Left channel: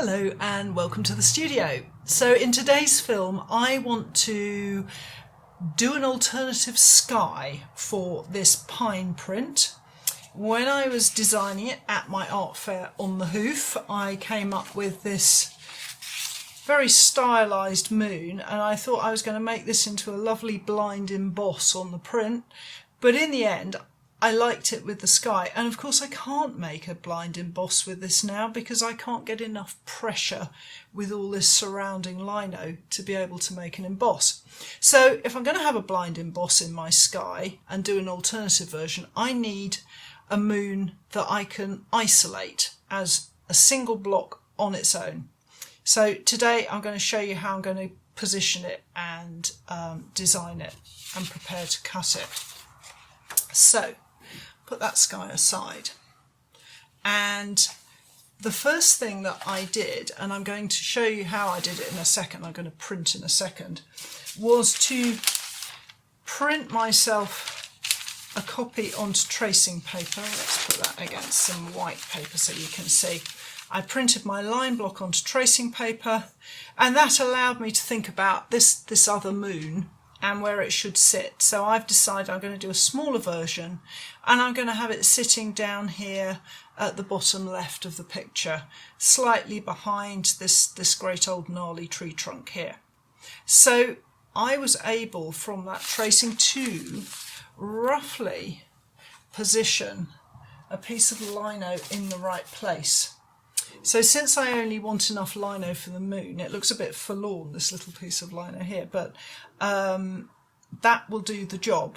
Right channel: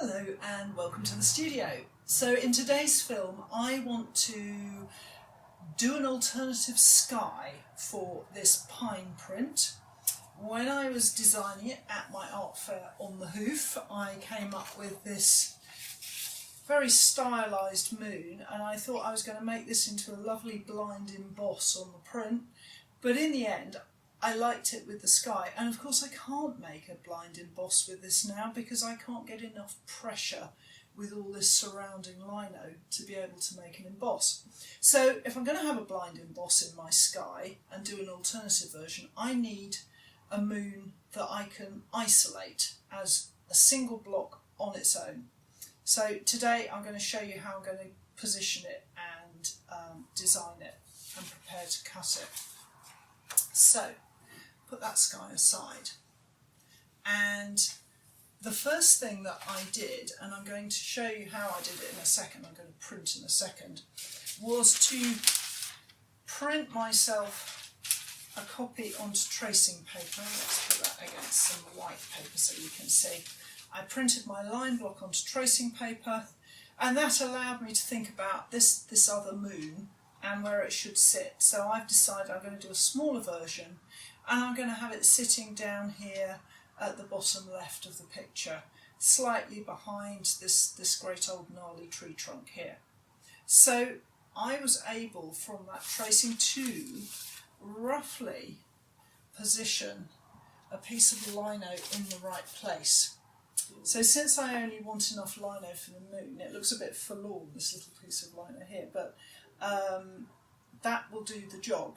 Hello and welcome to the studio. So in today's film I want to do an alternative sky for this pine print. When I was designing it at my art fair on the Hoof, I came up with this very stylised moon, and I thought I was going to make this into a lovely blind emboss on the print, but in the end I liked it with the sky. And of course I can't make a blind emboss with this now because I can't get enough pressure with all this surrounding lino to be able to make an emboss. So if I'm going to have a blind emboss in my sky and do an alternative version, I need a moon that I can isolate as a single block on its own. So today I'm going to show you how I'm going to position it and design it and prepare to cut it. So put that sky aside, and the first thing that I did, and I'm going to show you how I did it in a second, I'm going to print in a second, was to print myself a copy onto tracing paper. Let's put that against some white paper so you can see. I printed my line block onto tracing paper, and that allowed me to think about this other moon and where it should sit. So I've decided I'm going to do a smaller version, and I'm going to have it sitting down here at the bottom left of the picture, slightly behind this great old gnarly tree trunk here. So I was able from that tracing to roughly position a piece of lino in the right place. So since I only want enough lino for the moon, it looks a bit forlorn, this little piece of lino here, but that will do the job.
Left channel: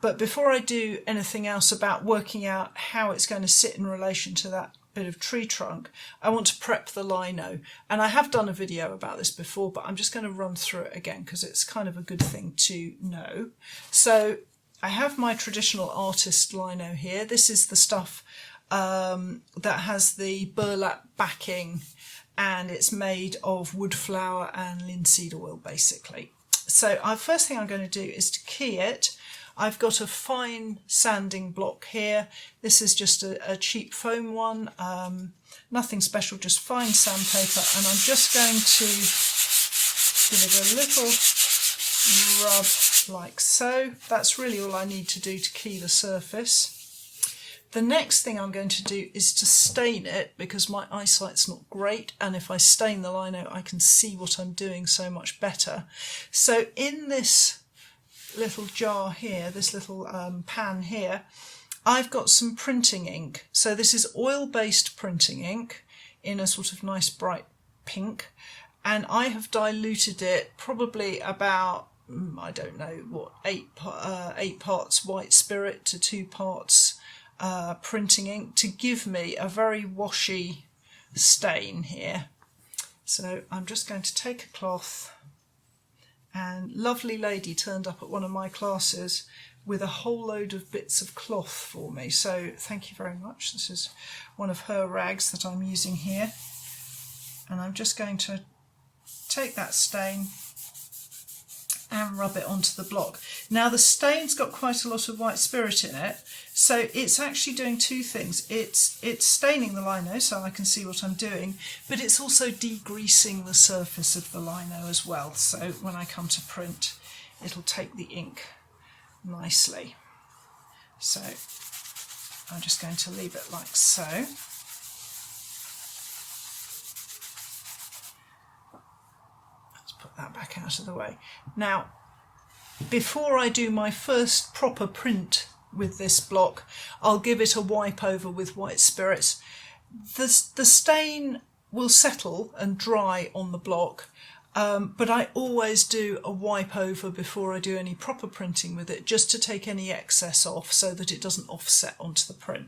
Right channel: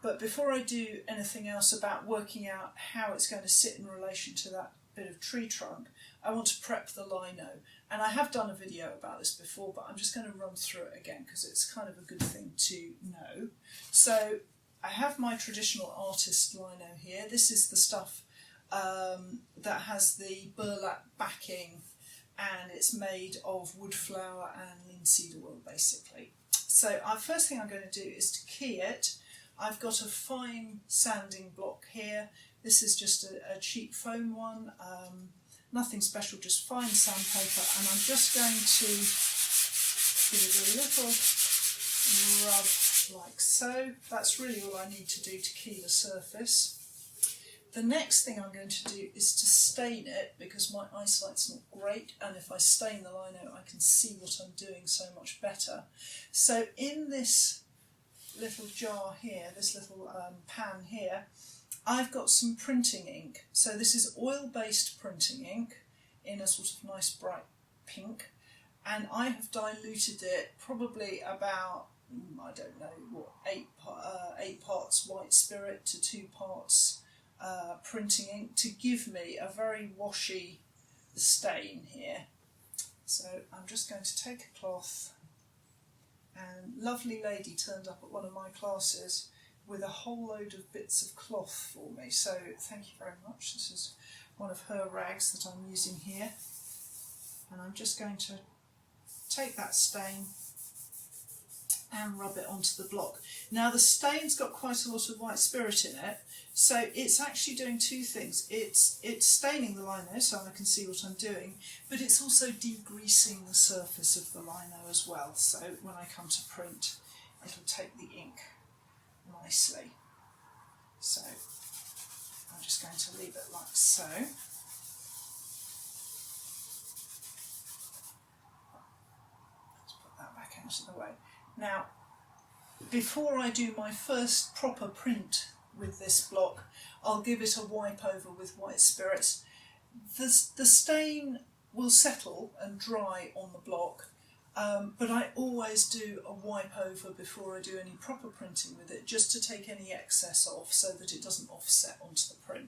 But before I do anything else about working out how it's going to sit in relation to that bit of tree trunk, I want to prep the lino. And I have done a video about this before, but I'm just going to run through it again because it's kind of a good thing to know. So I have my traditional artist lino here. This is the stuff that has the burlap backing, and it's made of wood flour and linseed oil basically. So first thing I'm going to do is to key it. I've got a fine sanding block here. This is just a cheap foam one, nothing special, just fine sandpaper, and I'm just going to give it a little rub like so. That's really all I need to do to key the surface. The next thing I'm going to do is to stain it, because my eyesight's not great, and if I stain the lino I can see what I'm doing so much better. So in this little jar here, this little pan here, I've got some printing ink. So this is oil-based printing ink in a sort of nice bright pink, and I have diluted it probably about, I don't know what, 8 parts white spirit to 2 parts printing ink to give me a very washy stain here. So I'm just going to take a cloth, and lovely lady turned up at one of my classes with a whole load of bits of cloth for me, so thank you very much. This is one of her rags that I'm using here, and I'm just going to take that stain and rub it onto the block. Now the stain's got quite a lot of white spirit in it, so it's actually doing two things. It's staining the lino so I can see what I'm doing, but it's also degreasing the surface of the lino as well, so when I come to print it'll take the ink nicely. So I'm just going to leave it like so. That back out of the way. Now, before I do my first proper print with this block, I'll give it a wipe over with white spirits. The stain will settle and dry on the block, but I always do a wipe over before I do any proper printing with it, just to take any excess off so that it doesn't offset onto the print.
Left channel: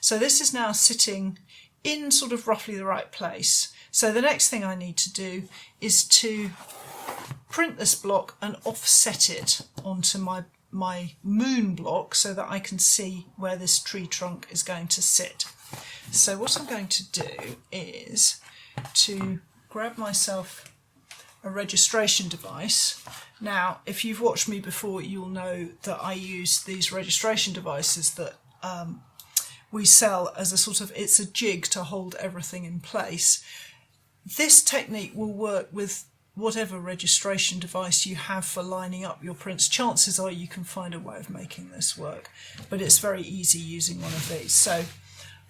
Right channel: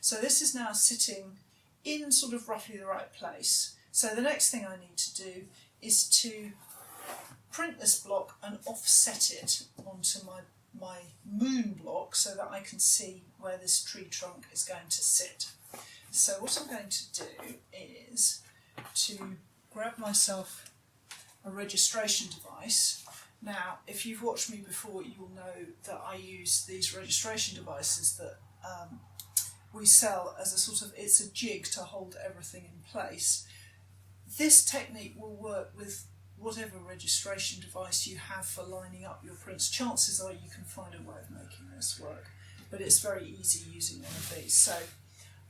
So this is now sitting in sort of roughly the right place. So the next thing I need to do is to print this block and offset it onto my moon block so that I can see where this tree trunk is going to sit. So what I'm going to do is to grab myself a registration device. Now, if you've watched me before, you'll know that I use these registration devices that we sell as a sort of, it's a jig to hold everything in place. this technique will work with whatever registration device you have for lining up your prints. Chances are you can find a way of making this work, but it's very easy using one of these. So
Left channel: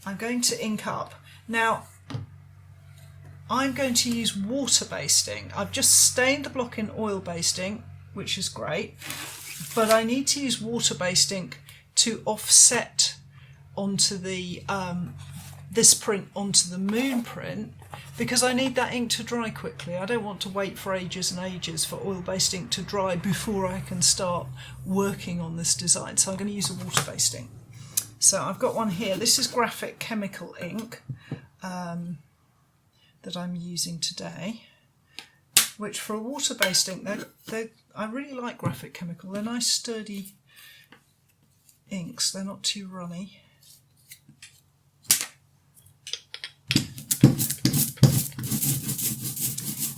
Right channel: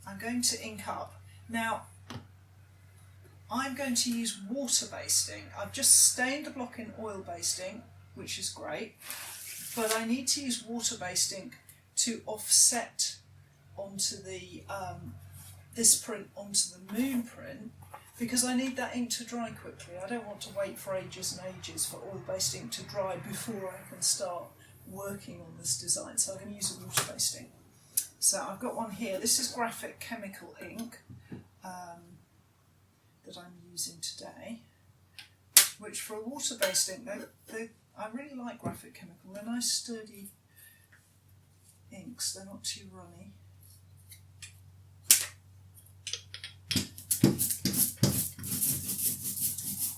I'm going to ink up. Now I'm going to use water-based ink. I've just stained the block in oil-based ink, which is great, but I need to use water-based ink to offset onto the this print onto the moon print, because I need that ink to dry quickly. I don't want to wait for ages and ages for oil-based ink to dry before I can start working on this design. So I'm going to use a water-based ink. So I've got one here. This is Graphite chemical ink that I'm using today, which for a water-based ink, I really like Graphite chemical. They're nice sturdy inks. They're not too runny.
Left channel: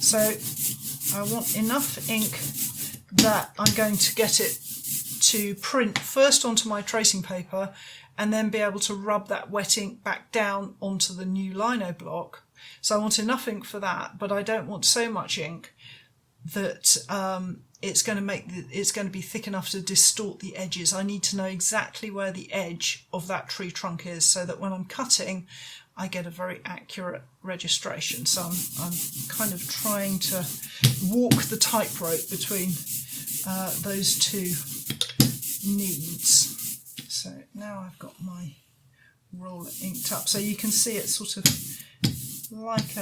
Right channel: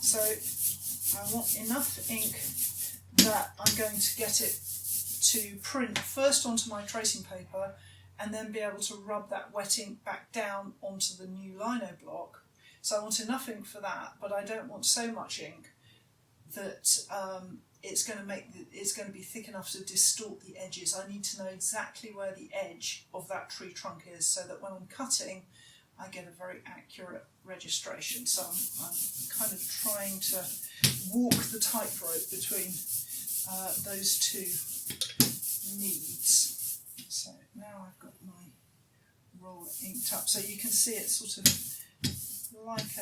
So I want enough ink that I'm going to get it to print first onto my tracing paper and then be able to rub that wet ink back down onto the new lino block. So I want enough ink for that, but I don't want so much ink that it's going to be thick enough to distort the edges. I need to know exactly where the edge of that tree trunk is, so that when I'm cutting I get a very accurate registration. So I'm kind of trying to walk the tightrope between those two needs. So now I've got my roller inked up. So you can see it's sort of like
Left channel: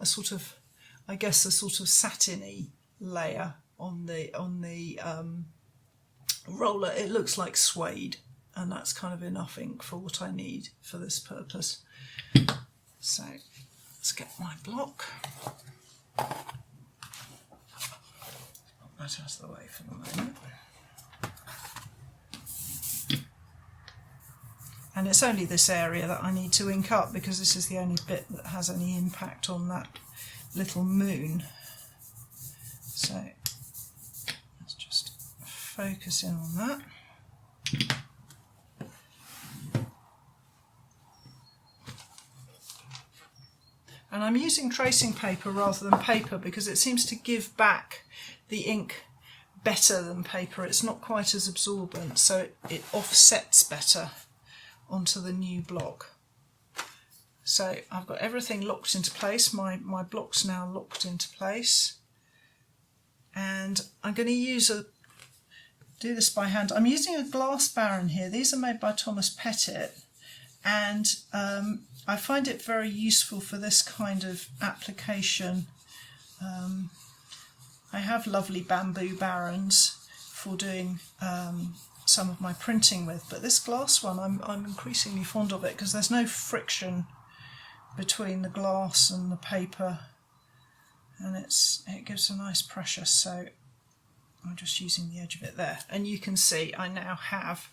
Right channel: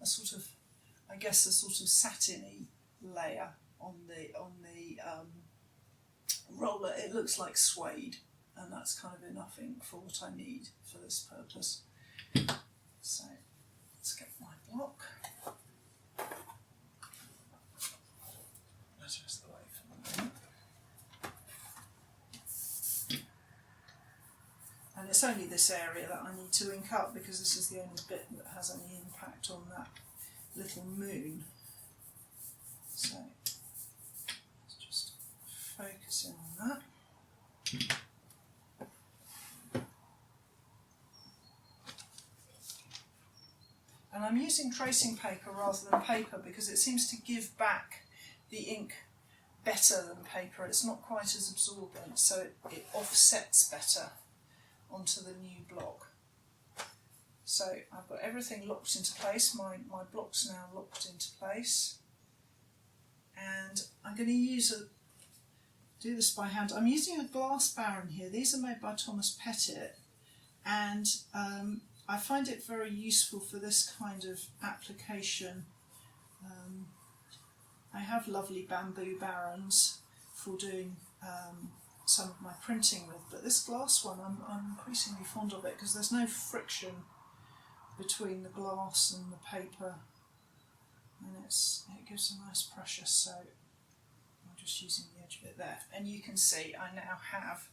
a sort of, I guess, a sort of satiny layer on the roller. It looks like suede, and that's kind of enough ink for what I need for this purpose. So let's get my block. Put that out of the way for the moment. And it's only this area that I need to ink up, because this is the only bit that has any impact on that little moon. So let's just focus in on that. And I'm using tracing paper rather than paper because it seems to give back the ink better than paper. It's not quite as absorbent, so it offsets better onto the new block. So I've got everything locked into place. My block's now locked into place. And I'm going to do this by hand. I'm using a glass Baron here. These are made by Thomas Pettit, and I find it very useful for this kind of application. I have lovely bamboo Barons for doing some of my printing with, but this glass one I'm increasingly fond of it because there's no friction between the glass and the paper, and it gives a nice pressure. So I'm just using the edge of it there, and you can see I now have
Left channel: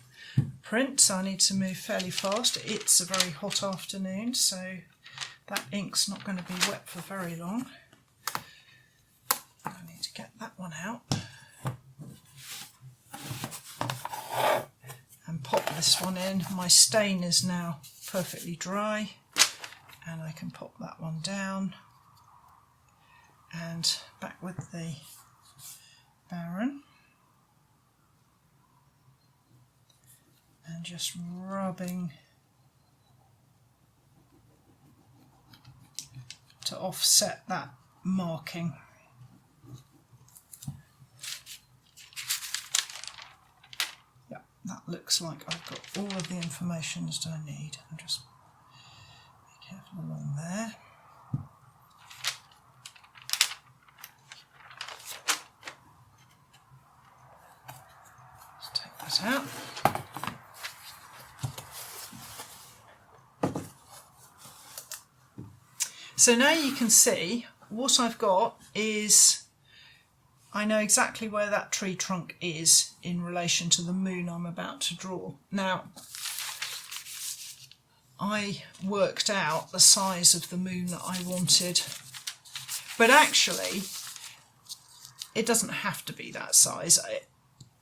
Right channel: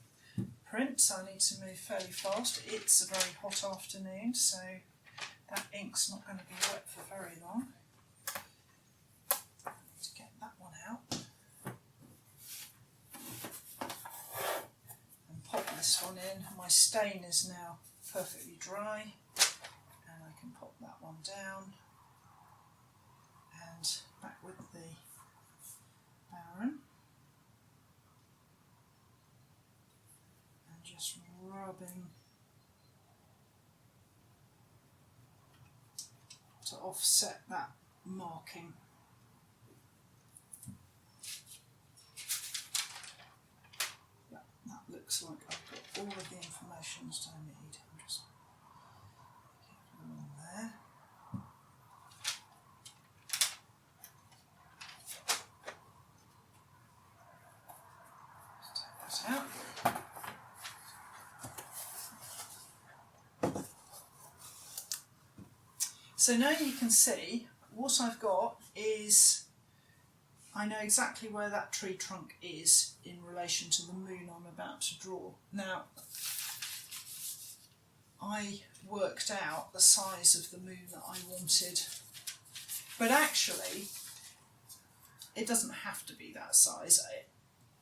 print, so I need to move fairly fast. It's a very hot afternoon, so that ink's not going to be wet for very long. I need to get that one out and pop this one in. My stain is now perfectly dry, and I can pop that one down and back with the Baron. And just rubbing to offset that marking. Yeah, that looks like I've got all of the information that I need. I'll just be careful along there. Let's take that out. So now you can see what I've got is, I know exactly where that tree trunk is in relation to the moon I'm about to draw. Now, I worked out the size of the moon that I wanted, but actually it doesn't have to be that size.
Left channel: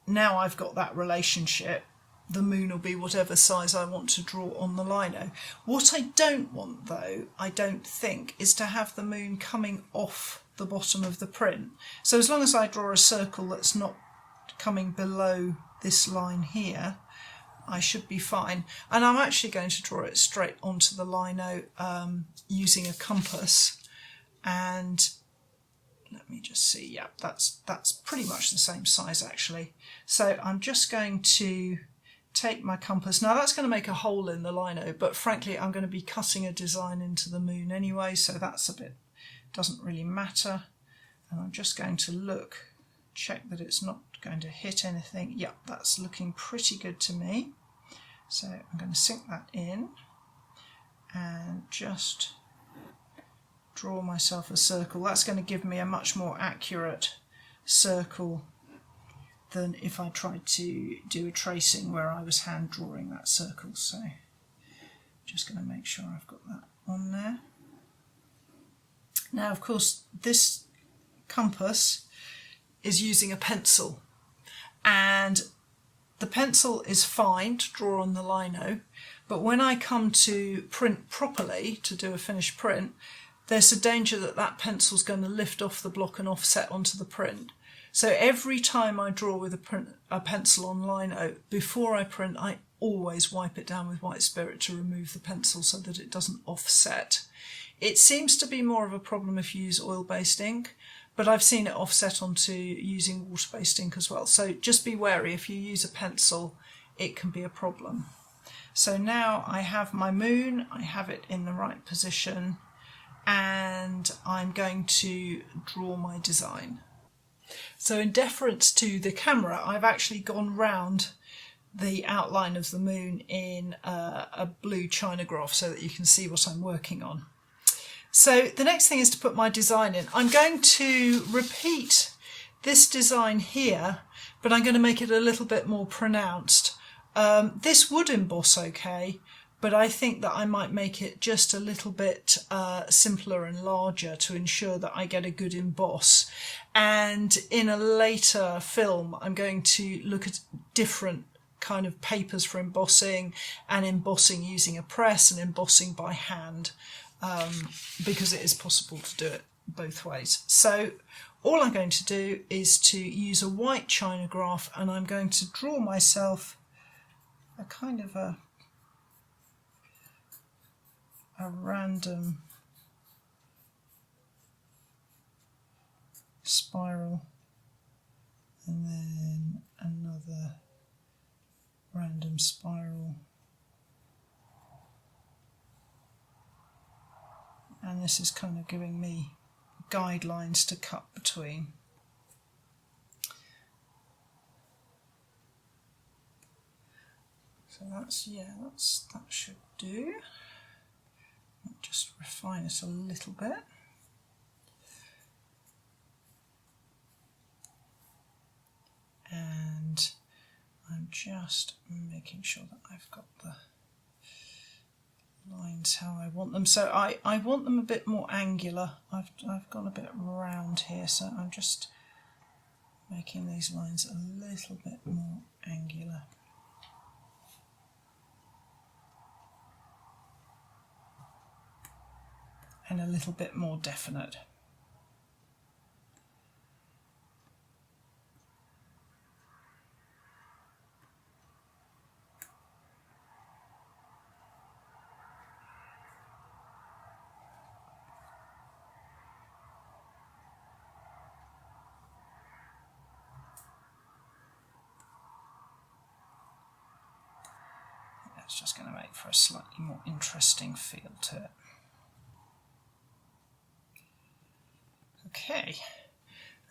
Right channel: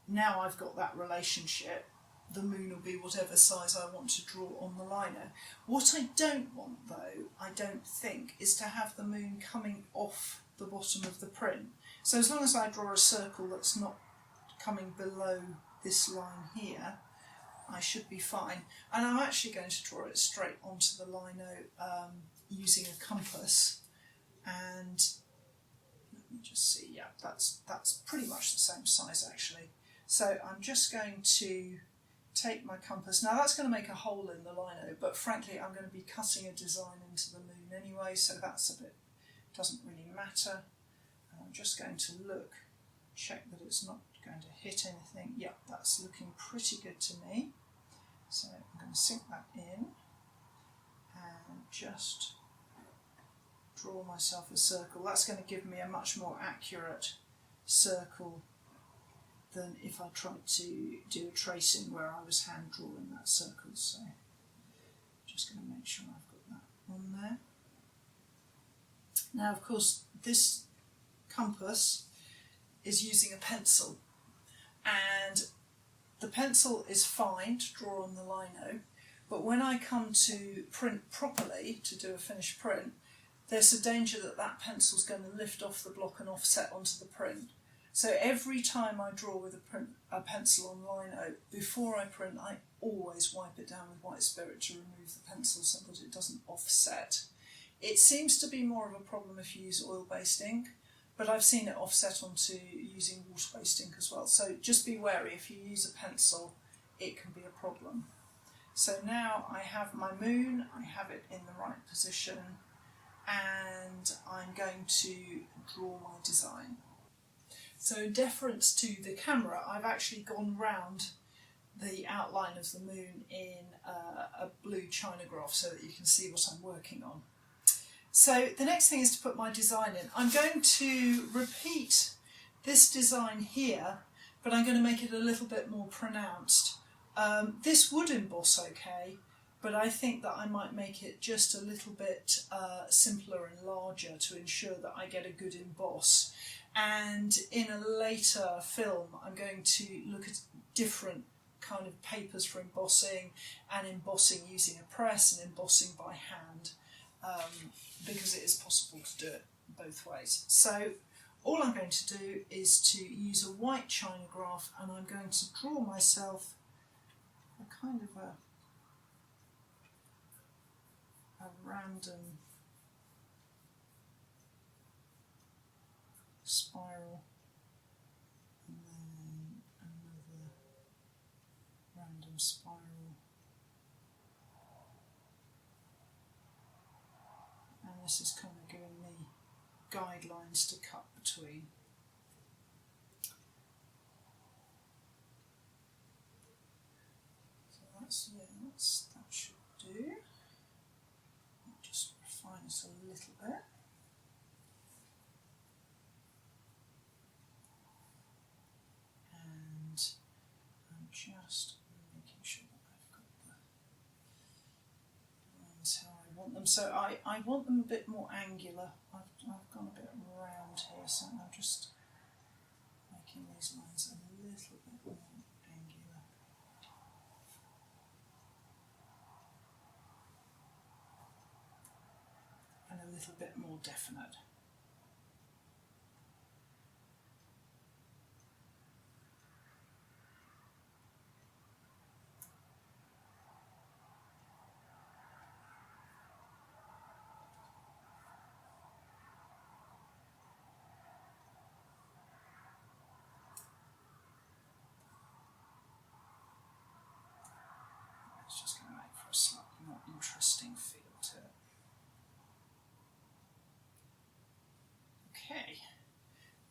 Now I've got that relationship, the moon will be whatever size I want to draw on the lino. What I don't want though, I don't think, is to have the moon coming off the bottom of the print. So as long as I draw a circle that's not coming below this line here, I should be fine. And I'm actually going to draw it straight onto the lino using a compass. And let me just see, yeah, that's pretty much the same size actually. So I'm just going to take my compass. Now that's going to make a hole in the lino, but frankly I'm going to be cutting a design into the moon anyway, so that's a bit, doesn't really matter. And I'm just going to look, check that it's not going to hit anything. Yep, that's looking pretty good to me. So I'm going to sink that in and just draw myself a circle. That's going to give me a much more accurate circle than if I tried to do a tracing where I was hand drawing that circle. So just going to make sure I've got that on there. Now of course this compass is using a pencil, and the pencil is fine to draw on the lino, but when I come to print properly, to do a finished print, there's a danger that that pencil's going to lift off the block and offset onto the print. So every time I draw with a pencil on lino, before I print, I always wipe it down with white spirit to remove the pencil so that it doesn't offset. It seems to be more of a problem if you use oil-based ink, but I've seen it offset onto using water-based ink as well. So just be wary, if you use a pencil, it can be a problem. So now I have my moon, I have it in the right position, and I'm going to draw my design. So in deference to the camera, I've actually gone round the outline of the moon in a blue China graph so that you can see what I'm working on. So the next thing is to put my design in. I'm going to repeat this design here, but I'm going to make it a little bit more pronounced. This would emboss okay, but I think that I might make it just a little bit simpler and larger to ensure that I get a good emboss. And in a later film, I'm going to look at different kind of papers for embossing, and embossing using a press and embossing by hand, because it is possible to do it both ways. So all I'm going to do is to use a white China graph, and I'm going to draw myself a kind of a random spiral, and then another random spiral, and this is kind of giving me guidelines to cut between. So that's, yeah, that should do. Just refine it a little bit. And I'm just making sure that I've got the lines how I want them. So I want them a bit more angular. I've gone a bit round here, so I'm just making these lines a little bit more angular. And a little bit more definite. That's just going to make for a slightly more interesting feel to it. Okay,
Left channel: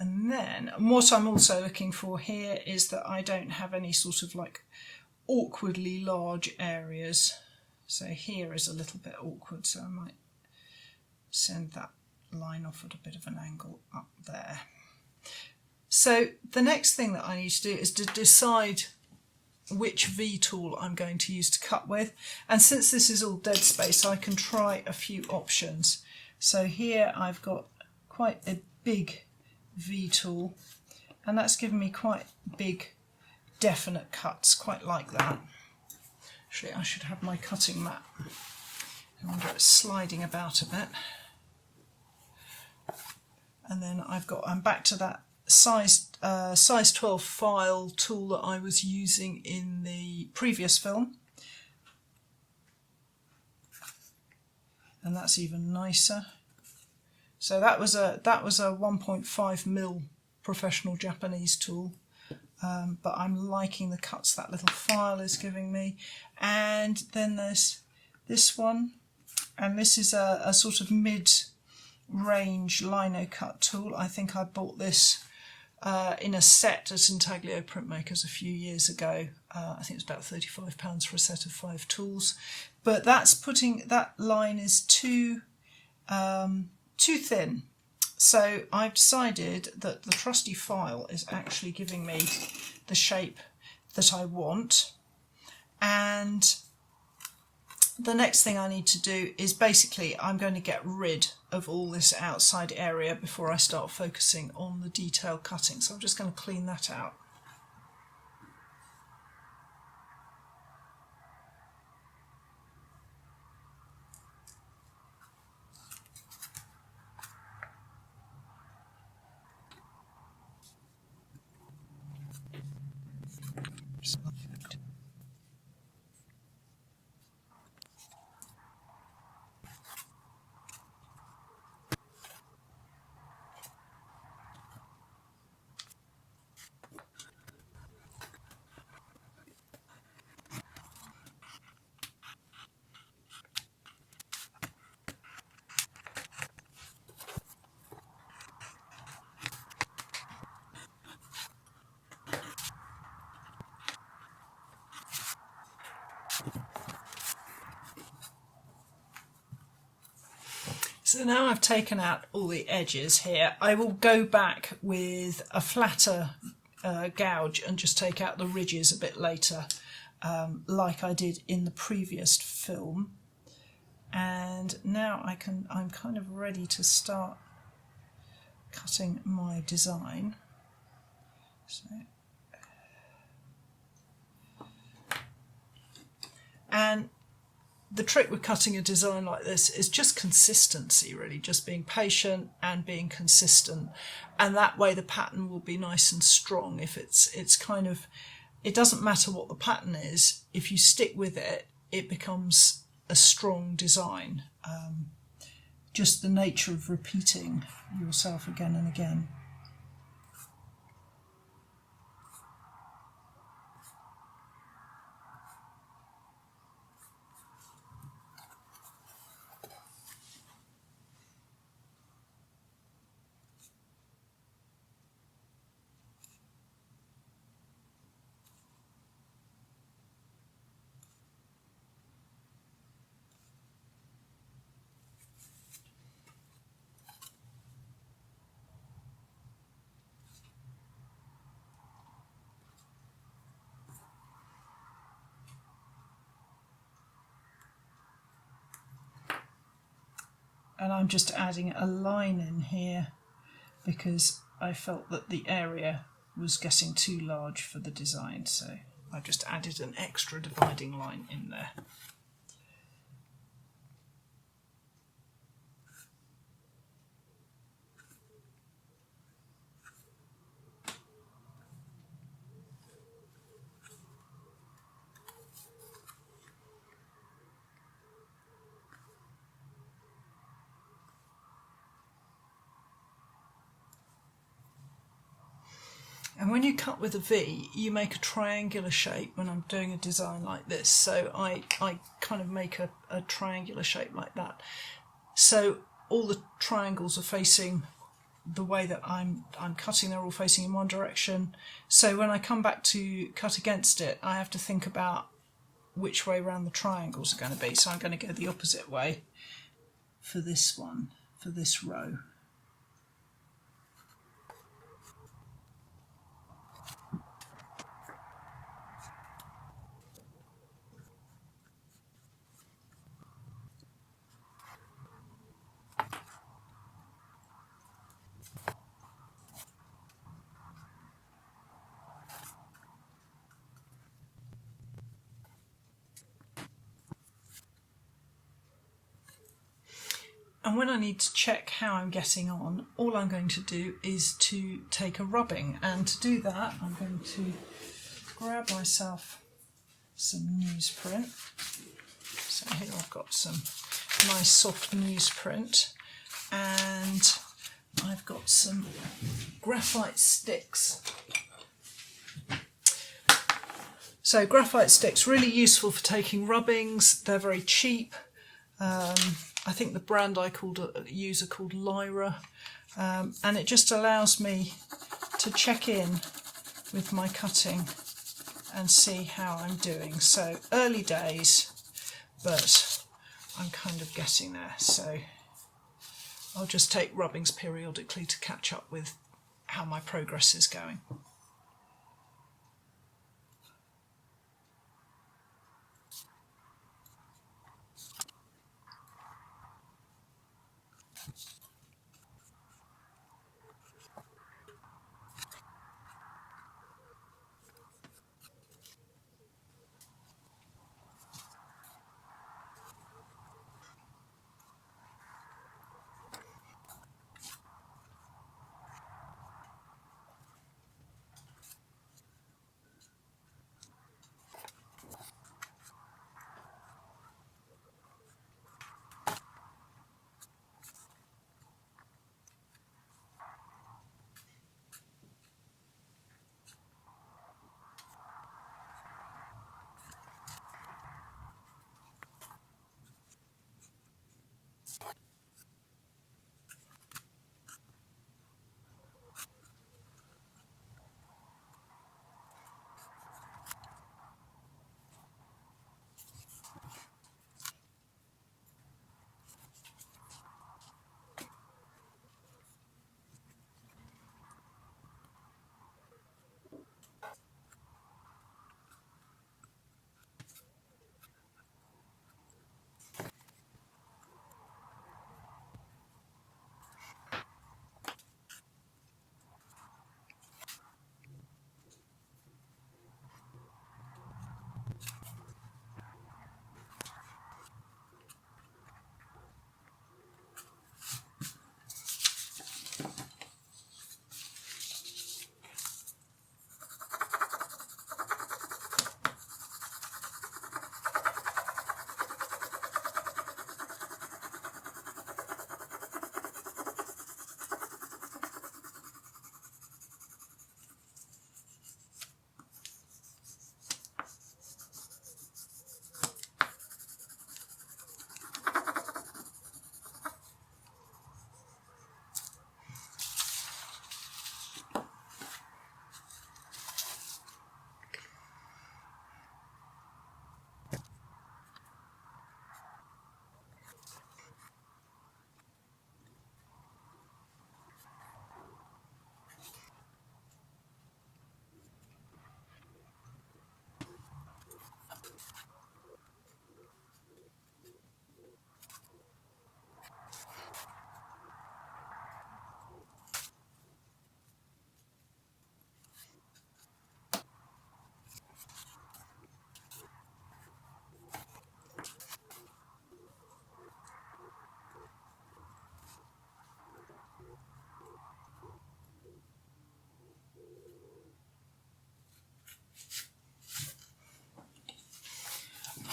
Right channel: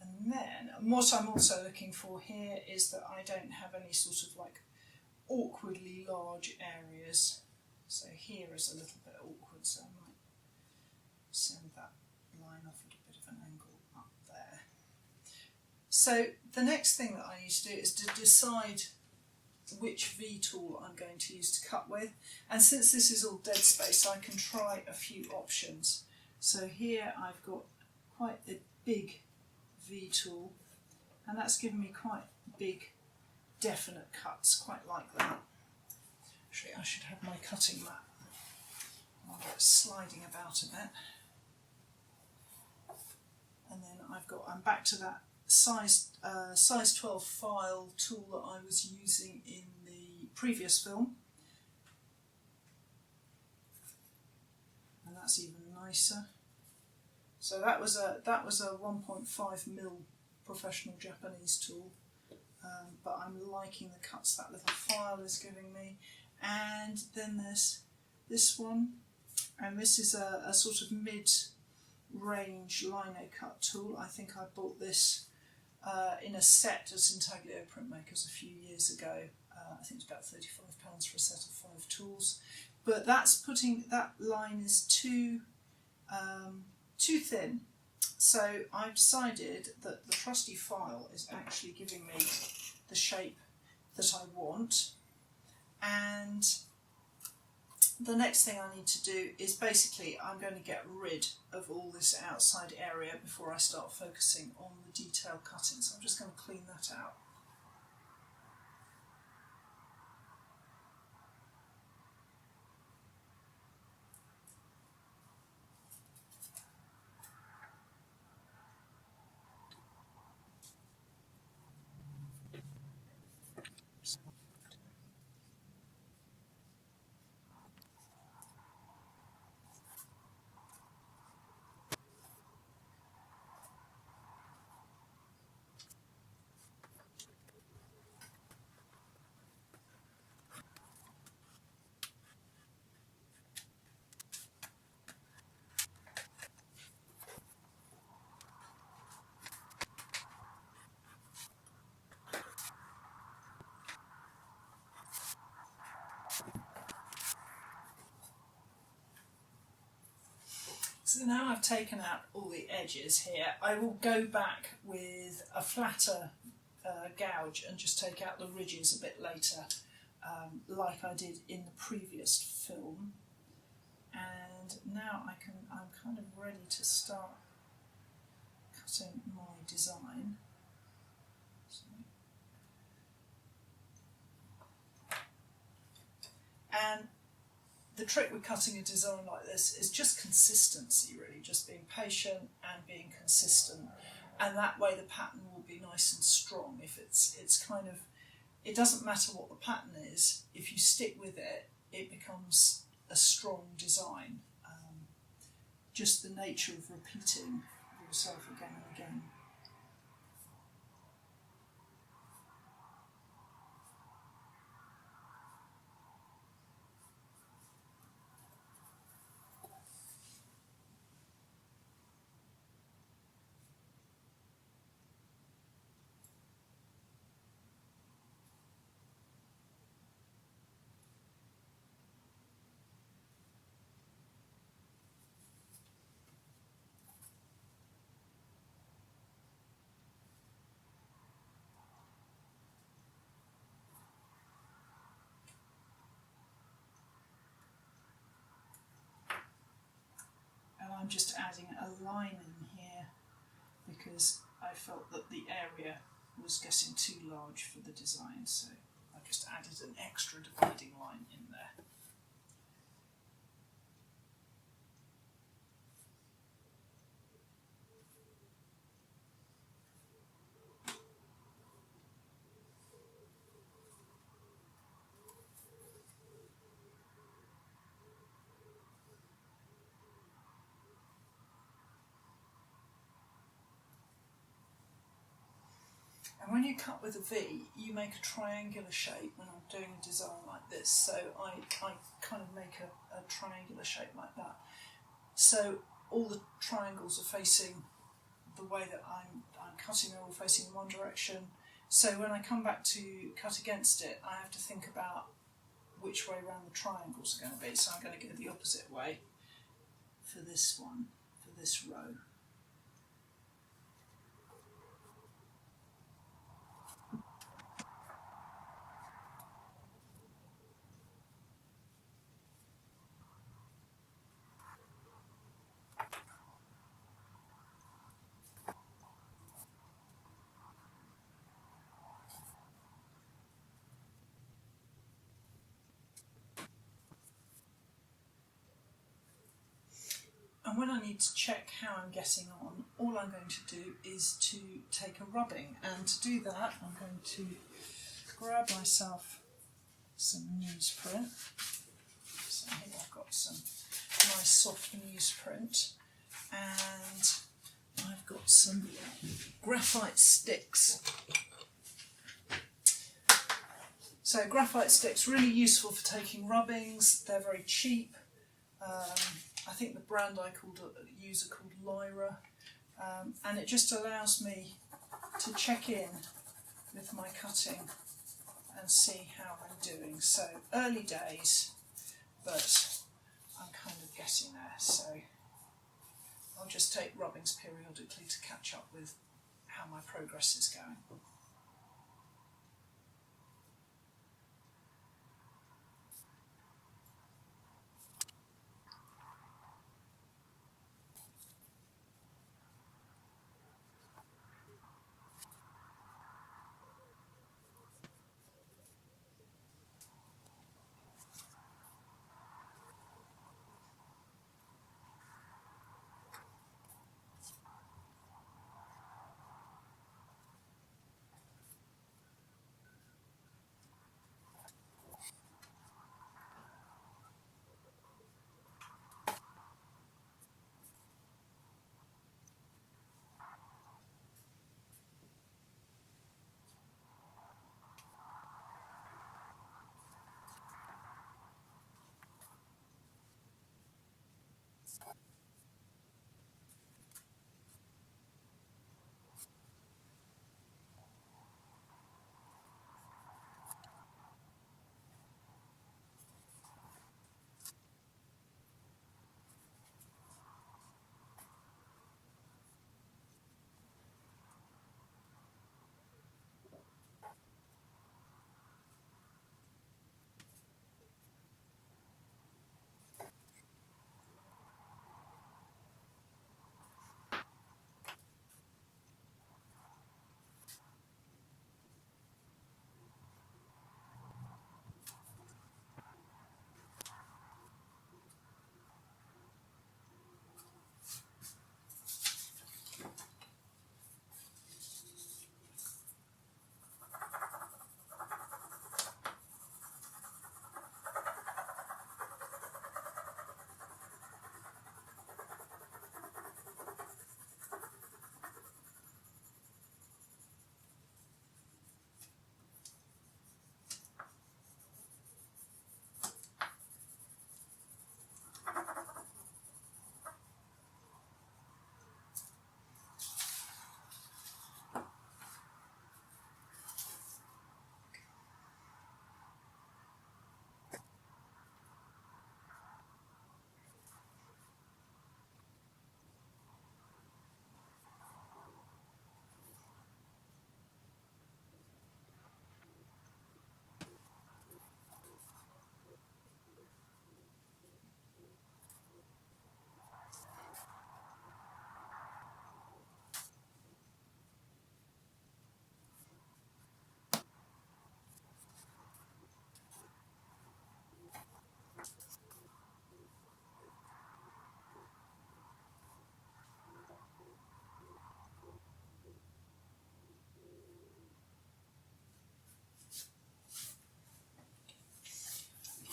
and then what I'm also looking for here is that I don't have any sort of like awkwardly large areas. So here is a little bit awkward, so I might send that line off at a bit of an angle up there. So the next thing that I need to do is to decide which V tool I'm going to use to cut with, and since this is all dead space, I can try a few options. So here I've got quite a big V tool, and that's given me quite big definite cuts, quite like that. Actually, I should have my cutting mat. I wonder it's sliding about a bit. And then I'm back to that size 12 file tool that I was using in the previous film. And that's even nicer. So that was a 1.5mm professional Japanese tool. But I'm liking the cuts that little file is giving me. And then there's this one, and this is a sort of mid-range Linocut tool. I think I bought this in a set at Intaglio Printmakers a few years ago. I think it was about £35 for a set of 5 tools. But that line is too thin. So I've decided that the trusty file is actually giving me the shape that I want. And the next thing I need to do is basically I'm going to get rid of all this outside area before I start focusing on the detail cutting. So I'm just going to clean that out. So now I've taken out all the edges here, I will go back with a flatter gouge and just take out the ridges a bit later, like I did in the previous film. And now I'm kind of ready to start cutting my design. So, and the trick with cutting a design like this is just consistency, really, just being patient and being consistent, and that way the pattern will be nice and strong. If it's kind of, it doesn't matter what the pattern is, if you stick with it, it becomes a strong design. Just the nature of repeating yourself again and again. And I'm just adding a line in here because I felt that the area was getting too large for the design, so I've just added an extra dividing line in there. And when you cut with a V, you make a triangular shape when I'm doing a design like this. So I kind of make a triangular shape like that. So all the triangles are facing the way that I'm cutting, they're all facing in one direction. So when I come back to cut against it, I have to think about which way around the triangles are going to be. So I'm going to go the opposite way for this one, for this row. And when I need to check how I'm getting on, all I'm going to do is to take a rubbing. And to do that, I'm going to grab myself some newsprint. So here I've got some nice soft newsprint, and I've got some graphite sticks. So graphite sticks, really useful for taking rubbings. They're very cheap. I think the brand I use are called Lyra, and it just allows me to check in with my cutting and see how I'm doing. So early days, but I'm kind of getting there. So I'll just take rubbings periodically to catch up with how my progress is going.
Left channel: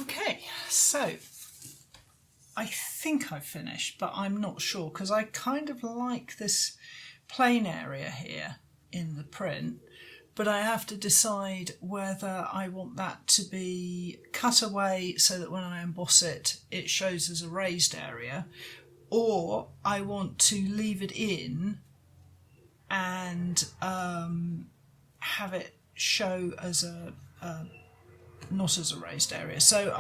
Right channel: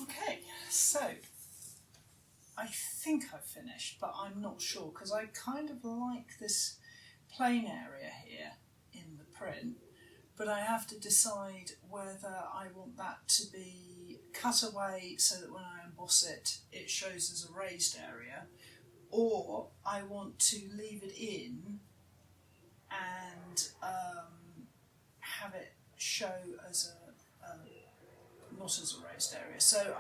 Okay, so I think I've finished, but I'm not sure because I kind of like this plain area here in the print, but I have to decide whether I want that to be cut away so that when I emboss it, it shows as a raised area, or I want to leave it in and have it show as a not as a raised area. So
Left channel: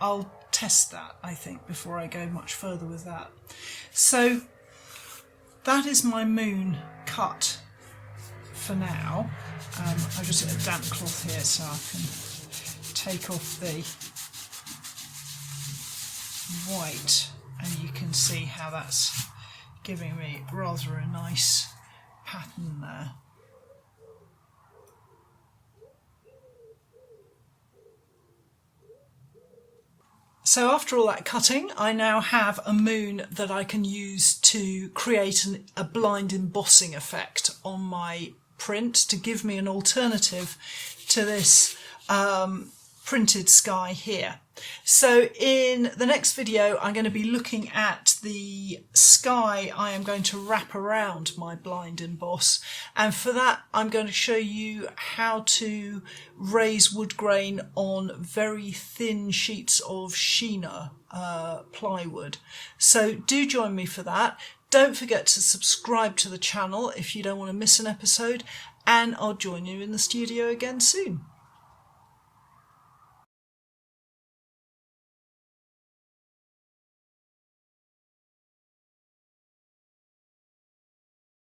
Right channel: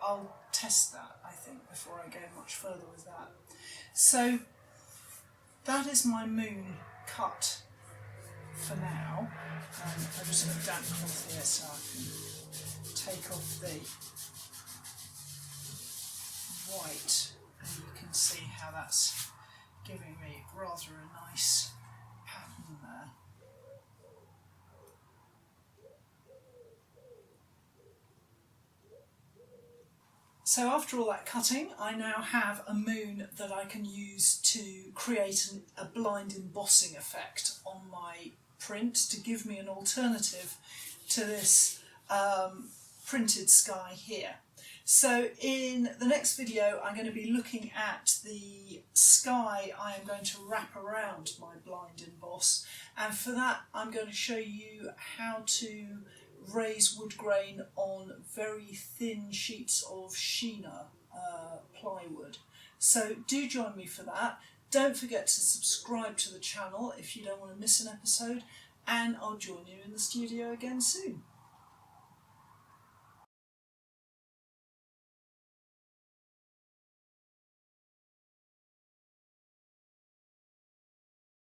I'll test that, I think, before I go much further with that. So that is my moon cut for now. I've just got a damp cloth here so I can take off the white, and you can see how that's giving me rather a nice pattern there. So after all that cutting, I now have a moon that I can use to create a blind embossing effect on my print to give me an alternative to this printed sky here. So in the next video I'm going to be looking at the sky I am going to wrap around my blind emboss, and for that I'm going to show you how to raise wood grain on very thin sheets of Sheena plywood. So do join me for that. Don't forget to subscribe to the channel if you don't want to miss an episode, and I'll join you in the studio again soon.